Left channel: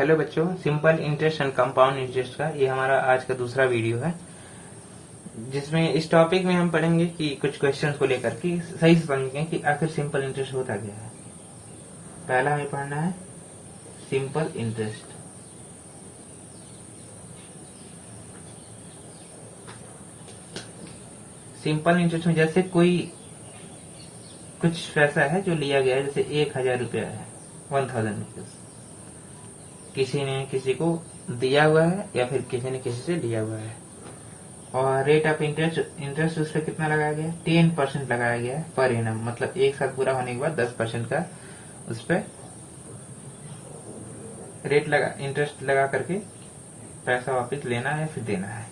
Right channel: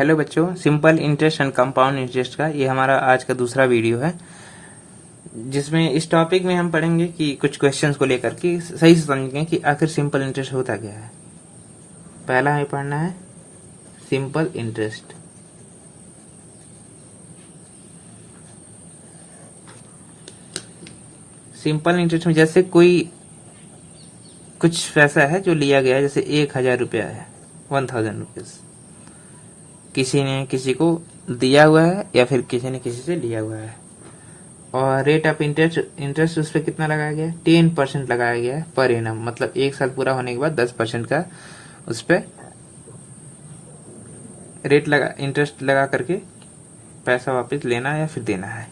Hello बच्चों, simple interest and compound interest का ये हमारा आज का दूसरा वीडियो है, जिसमें इस टॉपिक में हम पढ़ेंगे कि कुछ क्वेश्चंस को लेकर के सही से समझेंगे कि आखिर सिंपल इंटरेस्ट होता क्या है। पहला हमें पढ़ना है सिंपल इंटरेस्ट। सिंपल इंटरेस्ट में जैसे कोई कुछ पैसा है जो लिया गया है, जैसे 1000 रुपया है, 1000 रुपीज किसी ने किसी को दिया हुआ है या फिर किसी ने किसी से लिया हुआ है, और रेट ऑफ इंटरेस्ट उस पर कितना लगाया गया है? 10% लगाया गया है पर एनम, मतलब एक साल पूरा होने के बाद 10% का उस पर रेट लगा, इंटरेस्ट लगा करके पैसा वापस लेना है या फिर देना है।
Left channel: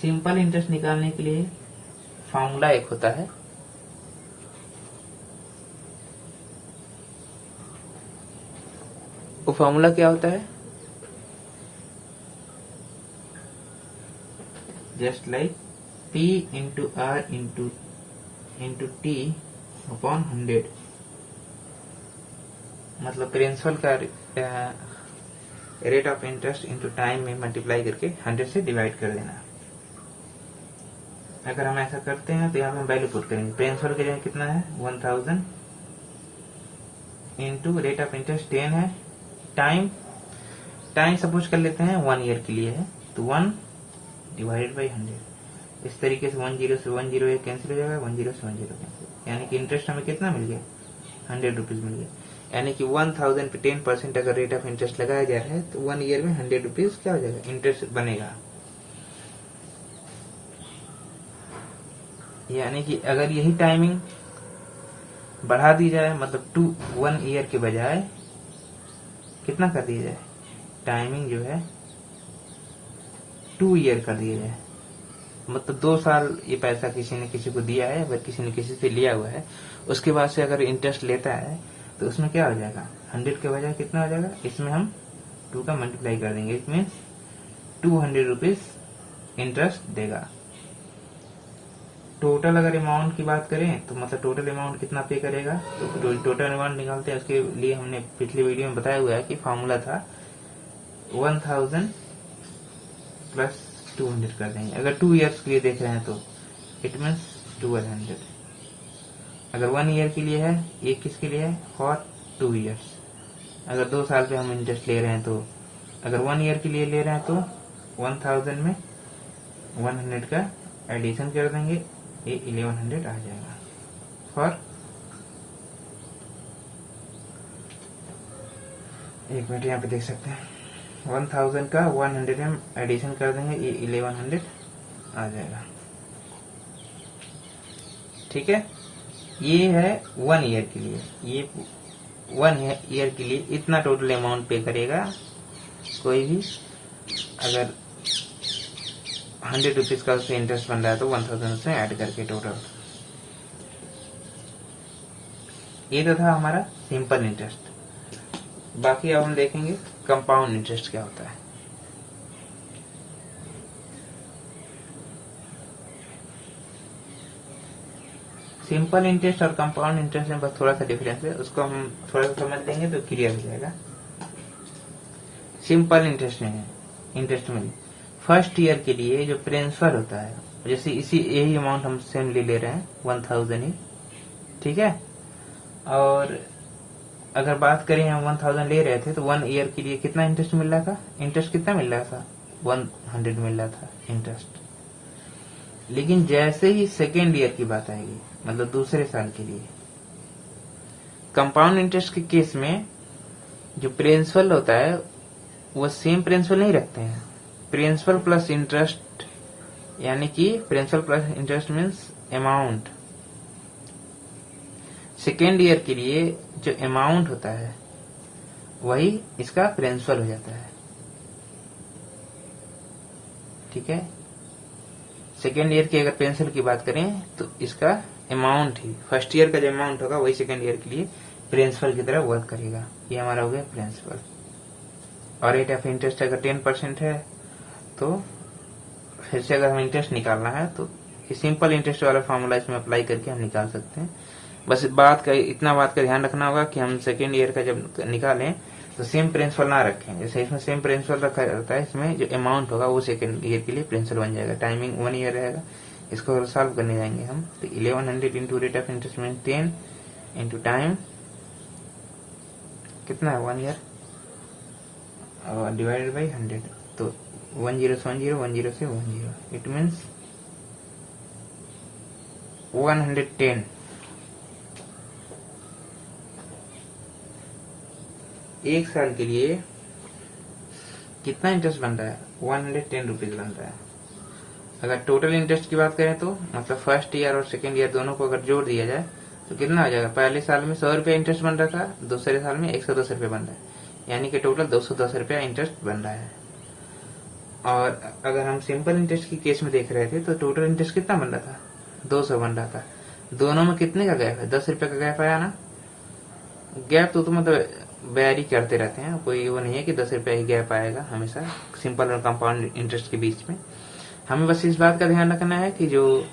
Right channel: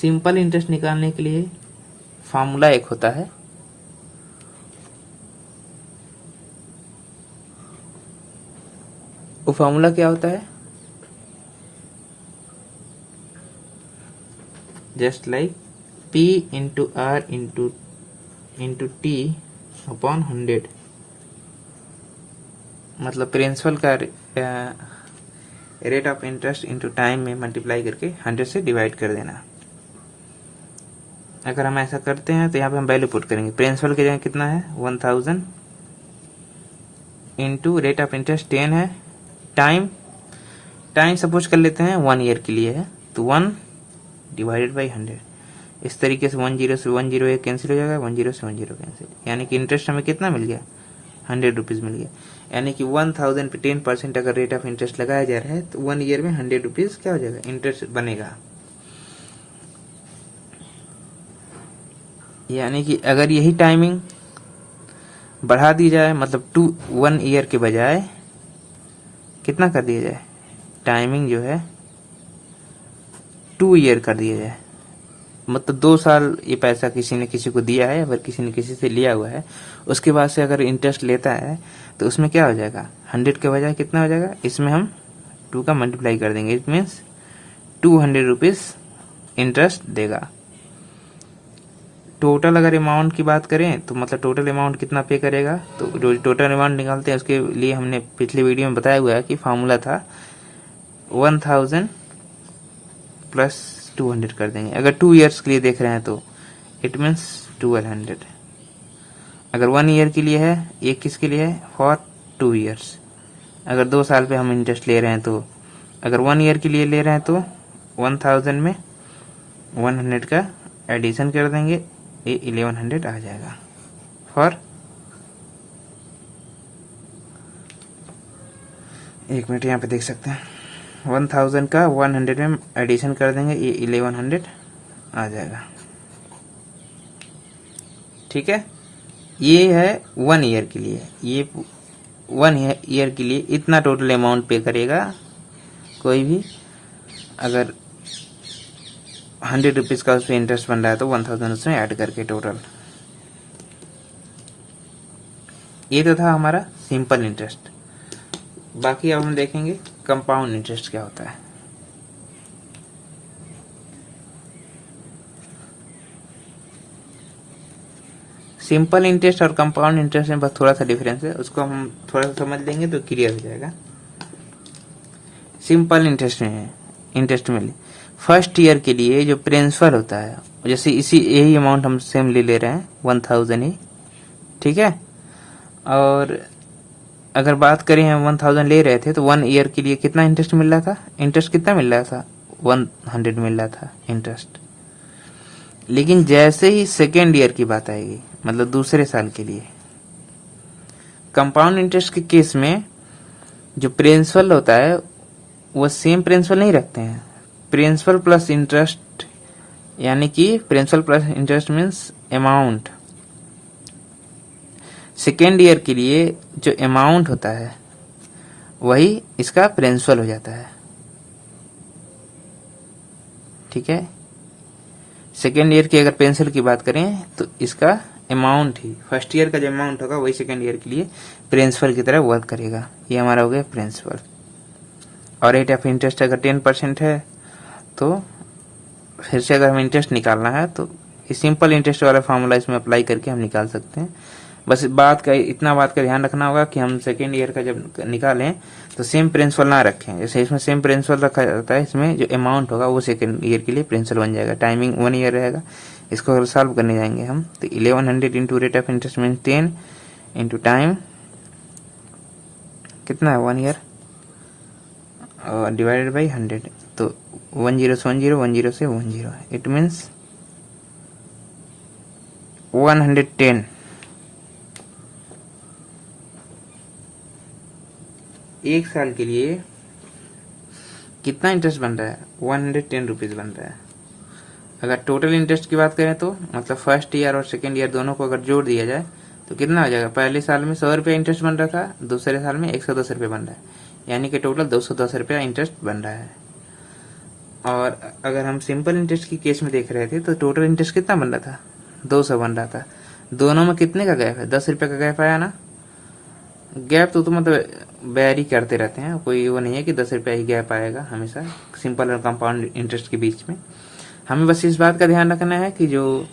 सिंपल इंटरेस्ट निकालने के लिए फॉर्मूला एक होता है, वो फॉर्मूला क्या होता है? Just like P into R into T upon 100, मतलब प्रिंसिपल का rate of interest into time में मल्टीप्लाई करके 100 से डिवाइड कर देना। अगर हम ऐसा करते हैं तो यहाँ पे हम वैल्यू पुट करेंगे। प्रिंसिपल की जगह कितना है? 1000 इंटू रेट ऑफ इंटरेस्ट 10 है, टाइम सपोज कर लेते हैं 1 ईयर के लिए है, तो 1 डिवाइडेड बाई 100। इस तरीके से 10 से 10 ये कैंसिल हो जाएगा, 10 से 10 कैंसिल, यानी कि इंटरेस्ट हमें कितना मिल गया? 100 रुपीज मिल गया। यानी कि 1000 पे 10% अगर रेट ऑफ इंटरेस्ट लगाया जा रहा है तो 1 ईयर में 100 रुपीज क्या हो जाएगा? इंटरेस्ट बनेगा। यानी कि अगर यही टाइमिंग बढ़ा दी जाए, मतलब 1 ईयर के बजाय कितना कर दिया जाए? टाइमिंग जो है 2 ईयर कर दिया जाए, मतलब 2 साल ये पैसा किसी ने किसी को दिया है, अगर किसी ने किसी से लिया हुआ है, उसके बाद से अगर इंटरेस्ट लेता है तो उसमें क्या हो जाएगा? 100 के बजाय कितना हो जाएगा? इसमें हम 2 का मल्टीप्लाई कर देंगे, इट मीन्स 200 रुपीज इंटरेस्ट देगा। टोटल अगर अमाउंट की बात करें तो मतलब टोटल अमाउंट कितना पे करेगा, तो टोटल अमाउंट निकालते हैं उसके लिए हमने पिछले वीडियो में बताया हुआ है कि फॉर्मूला था 1000 प्लस 200 कर देंगे। अगर 2 ईयर्स के लिए देख रहे हैं तो इट मीन्स 1200। अगर 1 ईयर के लिए है, ये किसके लिए है? For 2 years. अगर 2 साल पे हम इंटरेस्ट ले रहे हैं तो अगर 1 ईयर के लिए ले रहे हैं तो 1000 में 100 का एडिशन कर देंगे, ये 1100 आ जाएगा। फॉर 1 मिनट यहाँ पे देख सकते हैं, 1000 का 100 में एडिशन कर देंगे, ये 1100 आ जाएगा। ठीक है, ये है 1 ईयर के लिए। ये 1 ईयर के लिए इतना टोटल अमाउंट पे करेगा कोई भी। अगर 100 रुपीज का उसमें इंटरेस्ट बन रहा है तो 1000 उसमें ऐड करके टोटल। ये तो था हमारा सिंपल इंटरेस्ट। बाकी अब हम देखेंगे कंपाउंड इंटरेस्ट क्या होता है। सिंपल इंटरेस्ट और कंपाउंड इंटरेस्ट में बस थोड़ा सा डिफरेंस है, उसको हम थोड़ा सा समझ लेंगे तो क्लियर हो जाएगा। सिंपल इंटरेस्ट में फर्स्ट ईयर के लिए जो प्रिंसिपल होता है, जैसे इसी यही अमाउंट हम सेम ले रहे हैं 1000 ही, ठीक है। और अगर बात करें हम 1000 ले रहे थे तो 1 ईयर के लिए कितना इंटरेस्ट मिल रहा था? इंटरेस्ट कितना मिल रहा था? 100 मिल रहा था इंटरेस्ट। लेकिन जैसे ही सेकेंड ईयर की बात आएगी, मतलब दूसरे साल के लिए, कंपाउंड इंटरेस्ट के केस में जो प्रिंसिपल होता है वो सेम प्रिंसिपल नहीं रखते हैं। प्रिंसिपल प्लस इंटरेस्ट, यानी कि principal plus interest means amount. Second year के लिए जो अमाउंट होता है वही इसका प्रिंसिपल हो जाता है, ठीक है। सेकेंड ईयर की अगर प्रिंसिपल की बात करें तो इसका अमाउंट ही, फर्स्ट ईयर का जो अमाउंट होगा वही सेकेंड ईयर के लिए प्रिंसिपल की तरह वर्क करेगा। ये हमारा हो गया प्रिंसिपल। और रेट ऑफ इंटरेस्ट अगर 10% है तो फिर से अगर हमें इंटरेस्ट निकालना है तो सिंपल इंटरेस्ट वाला फॉर्मूला इसमें अप्लाई करके हम निकाल सकते हैं। बस इतना बात का ध्यान रखना होगा कि हम सेकेंड ईयर का जब निकालें तो सेम प्रिंसिपल ना रखें। जैसे इसमें सेम प्रिंसिपल रखा जाता है, इसमें जो अमाउंट होगा वो सेकेंड ईयर के लिए प्रिंसिपल बन जाएगा। टाइमिंग 1 ईयर रहेगा। इसको अगर सॉल्व करने जाएंगे हम तो 1100 into rate of interest mean 10 into time कितना है 1 ईयर और डिवाइडेड बाई 100, तो 10 से 10, 10 से 10, इट मीन्स 110। एक साल के लिए कितना इंटरेस्ट बन रहा है? 110 रुपीज बन रहा है। अगर टोटल इंटरेस्ट की बात करें तो मतलब फर्स्ट ईयर और सेकेंड ईयर दोनों को अगर जोड़ दिया जाए तो कितना हो जाएगा? पहले साल में 100 रुपया इंटरेस्ट बन रहा था, दूसरे साल में 110 रुपये बन रहा है, यानी कि टोटल 210 रुपया इंटरेस्ट बन रहा है। और अगर हम सिंपल इंटरेस्ट की केस में देख रहे थे तो टोटल इंटरेस्ट कितना बन रहा था? 200 बन रहा था। दोनों में कितने का गैप है? 10 रुपये का गैप आया ना। गैप तो मतलब वेरी करते रहते हैं, कोई वो नहीं है कि 10 रुपया ही गैप आएगा हमेशा सिंपल और कंपाउंड इंटरेस्ट के बीच में। हमें बस इस बात का ध्यान रखना है कि जो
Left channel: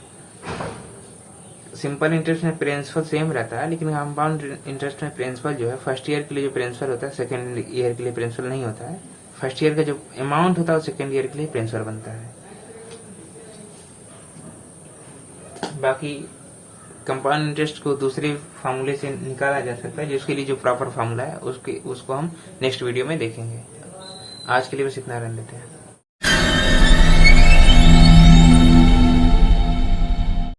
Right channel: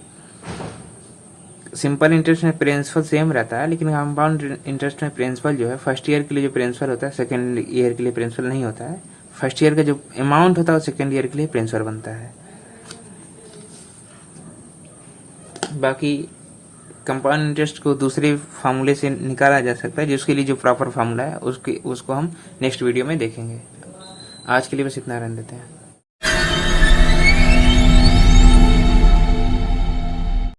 सिंपल इंटरेस्ट में प्रिंसिपल सेम रहता है, लेकिन कंपाउंड इंटरेस्ट में प्रिंसिपल जो है फर्स्ट ईयर के लिए जो प्रिंसिपल होता है सेकेंड ईयर के लिए प्रिंसिपल नहीं होता है। फर्स्ट ईयर का जो अमाउंट होता है सेकेंड ईयर के लिए प्रिंसिपल बनता है। बाकी कंपाउंड इंटरेस्ट को दूसरे फार्मूले से निकाला जा सकता है, जिसके लिए जो प्रॉपर फार्मूला है उसको हम नेक्स्ट वीडियो में देखेंगे। आज के लिए बस इतना रहने देते हैं।